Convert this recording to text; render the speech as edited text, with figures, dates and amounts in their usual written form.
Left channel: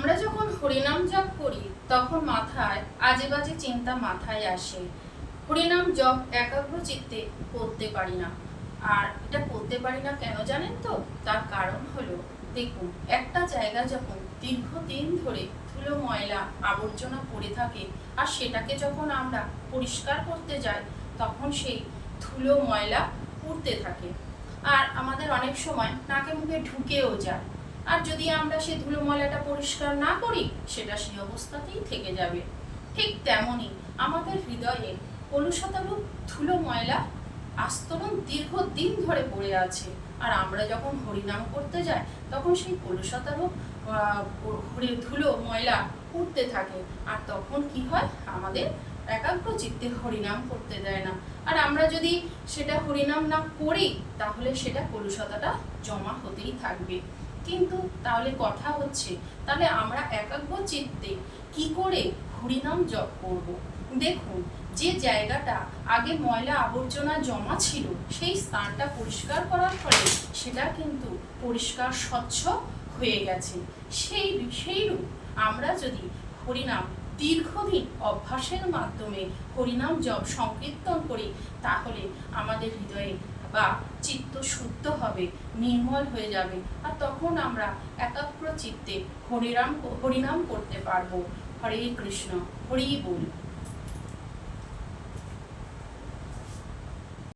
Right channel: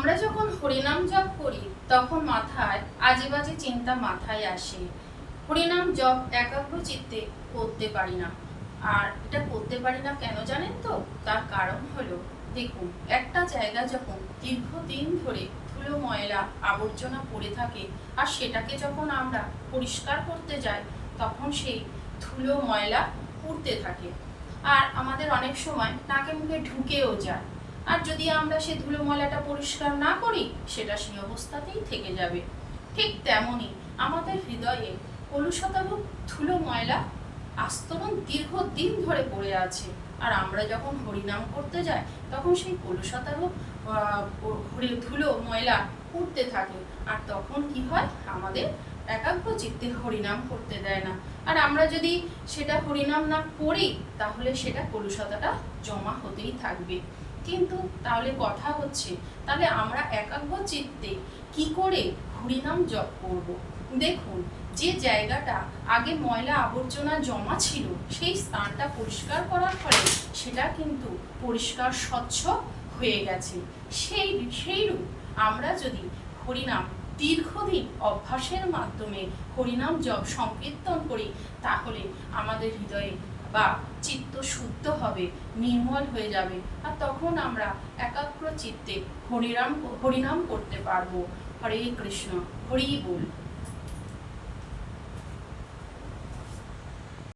আমরা যখন হরিনাম জপ করি তখন মাথায় আজে বাজে চিন্তা মাথায় আসে। হরিনাম জপ একাগ্র চিত্তে করতে পারি না। আর এটা করতে পারি না কেন জানেন তো? তার কারণ হলো, দেখুন, একটা জায়গা যখন দীর্ঘদিন ধরে ধুলো ময়লা আবর্জনা পড়ে থাকে আর সেটাকে যখন আমরা পরিষ্কার করতে যাই তখন সেই ধুলো ময়লা উঠতে থাকে আর আমাদের অনেক সময় নাকে মুখে ঢুকেও যায়। আর যদি আমরা সেই ধুলো ময়লাটা পরিষ্কার না করি সেটা সেই অবস্থাতেই থেকে যাবে। ঠিক তেমনই আমাদের হৃদয়ে কলুষতারূপ ধুলো ময়লা আস্তরণ দীর্ঘদিন ধরে পড়ে আছে। আর আমরা যখন হরিনাম করতে যাই তখন সেই কলুষতারূপ ধুলো ময়লা উঠতে থাকে। আর তখন কি হয়, আমাদের একাগ্র চিত্তে হরিনাম করতে দেয় না। আর আমরা যদি সেটা হরিনাম না করি তাহলে সেটা কলুষতাটা জমা হতেই থাকবে। কিন্তু তাহলে কথা হচ্ছে, তাহলে আমরা একাগ্র চিত্তে কি করে হরিনাম জপ করব? দেখুন, যে জায়গাটা আগে ময়লা আবর্জনা জমা ছিল সেই স্থানটা পরিষ্কার করার ফলে সেটা কিন্তু পরিষ্কার স্বচ্ছ হয়ে গেছে। সেইরূপ আমরা যদি হরিনাম দীর্ঘদিন অভ্যাসের মাধ্যমে হরিনাম জপ সংকীর্তন করি তাহলে আমাদের হৃদয়ে বা চিত্ত শুদ্ধ হবে, নির্মল হয়ে যাবে। আর তখন আমরা একাগ্র চিত্তে হরিনাম করতে পারবো। হরে কৃষ্ণ, হরি বল।